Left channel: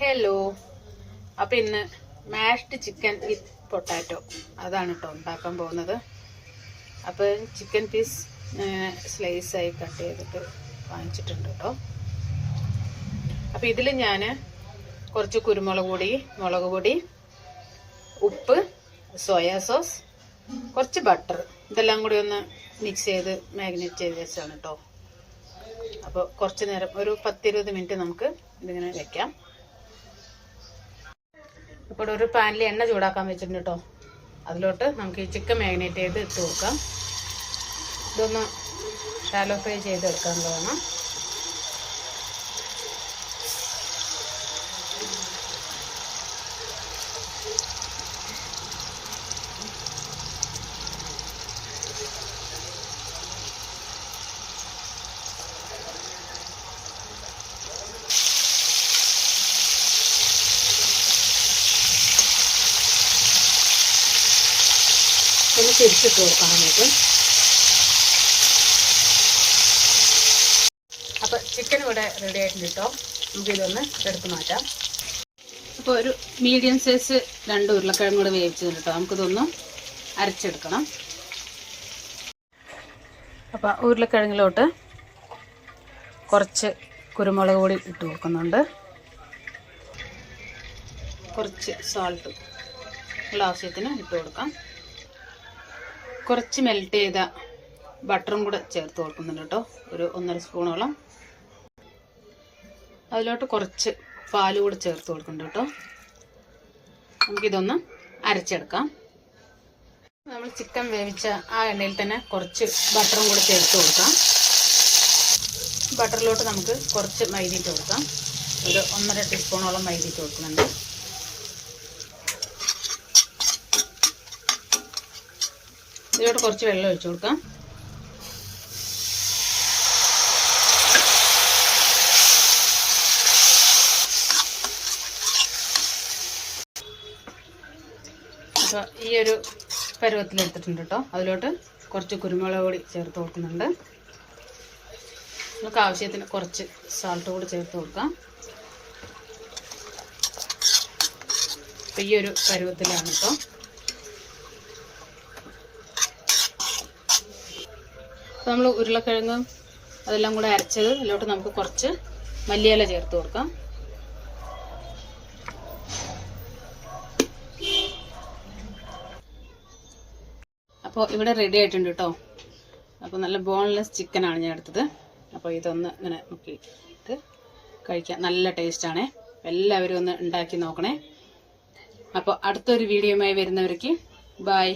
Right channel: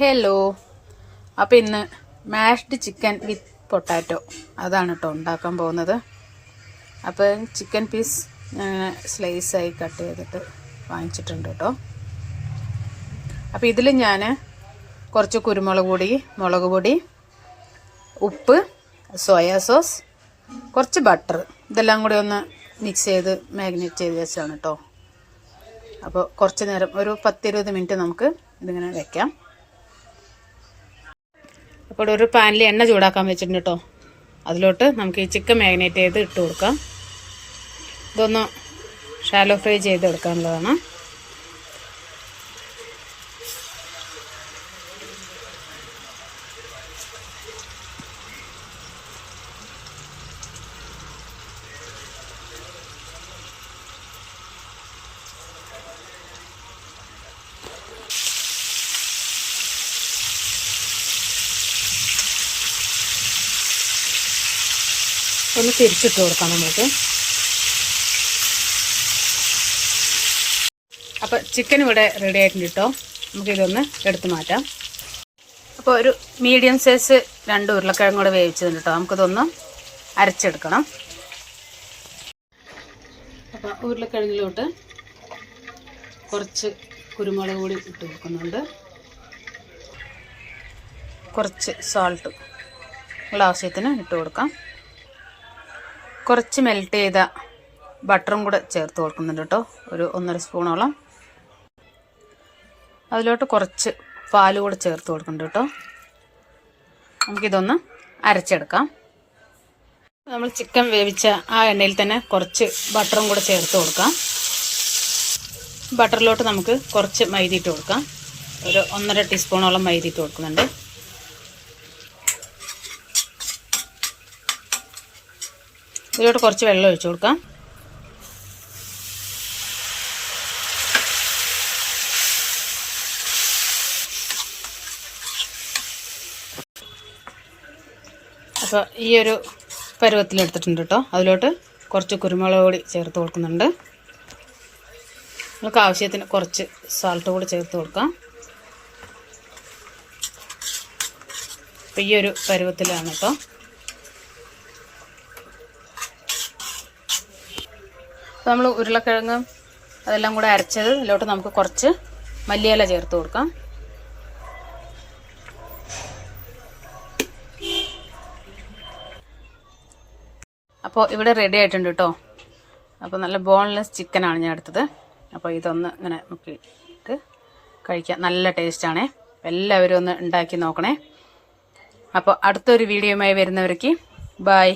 Hello. അപ്പോൾ ഇന്ന് mashed chicken വിത്ത് potato അതാണ് കേട്ടോ ഉണ്ടാക്കാൻ പോകുന്നത്. അപ്പോൾ ചിക്കൻ പീസ് സ്ലൈസായി കട്ട് ചെയ്തിട്ട് വാങ്ങിച്ചിട്ടുണ്ട് കേട്ടോ. അപ്പോൾ ഇതിൽ ഞാൻ കുറച്ച് കുരുമുളക് പൊടി, മുളക് പൊടി, ഉപ്പ്, സോയാ സോസ്, കുറച്ച് ബട്ടർ ഇതെല്ലാം കൂടി ഒന്ന് മിക്സ് ചെയ്ത് മാഗ്നേറ്റ് ചെയ്ത് വെച്ചാണ് കേട്ടോ. അപ്പോൾ കുറച്ച് നേരം ഒരു 10-20 മിനിറ്റ് നമുക്ക് ഇതിങ്ങനെ വെക്കാം. അപ്പോൾ ഒരു പാനിൽ എണ്ണ ചൂടാക്കാൻ വെച്ചിട്ടുണ്ട് കേട്ടോ. അതിലോട്ട് നമുക്ക് ഈ ചിക്കൻ മാഗ്നേറ്റ് ചെയ്ത് ഇട്ട് കൊടുക്കാം. ഇതൊന്ന് ഷാലോ ഫ്രൈ ചെയ്തെടുക്കാനുള്ളതാണ്. ഒന്ന് തിരിച്ചിട്ട് കൊടുക്കാം നമുക്ക്. അപ്പോൾ ചിക്കൻ ഇവിടെ റെഡി ആയിട്ടുണ്ട് കേട്ടോ. നമുക്കിതൊന്ന് എടുത്ത് മാറ്റാം. അപ്പോൾ ഒരു മീഡിയം സൈസ് 2 ഉരുളക്കിഴങ്ങ് കൂടെ വേവിച്ചതുണ്ട് കേട്ടോ. നമുക്കിതൊന്ന് അരച്ചെടുക്കണം. അപ്പോൾ ഉരുളക്കിഴങ്ങിലോട്ട് കുറച്ച് കുരുമുളക് പൊടി ഇട്ട് കൊടുക്കുന്നുണ്ട്. കുറച്ച് സാൾട്ട് ആവശ്യത്തിന് ഇട്ട് കൊടുക്കാം. കുറച്ച് മെൽറ്റ് ചെയ്ത ബട്ടറും കൂടെ ചേർത്ത് കൊടുക്കുന്നുണ്ട് കേട്ടോ. ഒരു 1.5 സ്പൂണോളം. അതിലോട്ട് കുറച്ച് പാൽ കൂടെ ചേർത്ത് കൊടുക്കുന്നുണ്ട് കേട്ടോ. നമുക്കിതൊന്ന് അരച്ചെടുക്കാം. നമ്മൾ ചിക്കൻ വേവിച്ച ആ എണ്ണയിൽ തന്നെ കുറച്ച് ബട്ടറും കൂടെ ചേർത്ത് കൊടുക്കാം. ബട്ടറിലോട്ട് നമുക്ക് കുറച്ച് മൈദ ഇട്ട് കൊടുക്കാം. ഒരു 1.5 ടീസ്പൂണോളം മൈദ ഇട്ട് കൊടുക്കുന്നുണ്ട്. ഇതിലോട്ട് കുറച്ച് വെള്ളം ഒഴിച്ചു കൊടുക്കാം. അപ്പോൾ ഈ ഒരു പരുവത്തിലെടുത്തിട്ടുണ്ട് കേട്ടോ. അതിലോട്ട് കുറച്ച് കുരുമുളക് പൊടി ചേർത്ത് കൊടുക്കുന്നുണ്ട്. നമുക്ക് ആവശ്യത്തിന് കുറച്ച് സാൾട്ട് കൂടി ചേർത്ത് കൊടുക്കാം. അപ്പോൾ ഈ ഒരു പരുവത്തിലാണ് കേട്ടോ. നമ്മൾ ഉരുളക്കിഴങ്ങ് അതെല്ലാം കൂടെ അരച്ചത് ഇതിലോട്ട് നമുക്ക് കുറച്ച് മല്ലിയില ചേർത്ത് കൊടുക്കാം. അപ്പോൾ ഇവിടെ റെഡി ആയിട്ടുണ്ട് കേട്ടോ. അപ്പോൾ നല്ല ബോൺലെസ് ചിക്കനാണ് ഞാൻ എടുത്തത്. അപ്പോൾ ഇതൊന്ന് ഇങ്ങനെ നോക്കിയിട്ട് കഴിക്കാം. നല്ല ടേസ്റ്റാണേ. എല്ലാവരും ഒന്ന് ഉണ്ടാക്കി നോക്കണേ. അപ്പോൾ അടുത്തൊരു വീഡിയോയുമായി വരുന്നവർക്ക് ബൈ.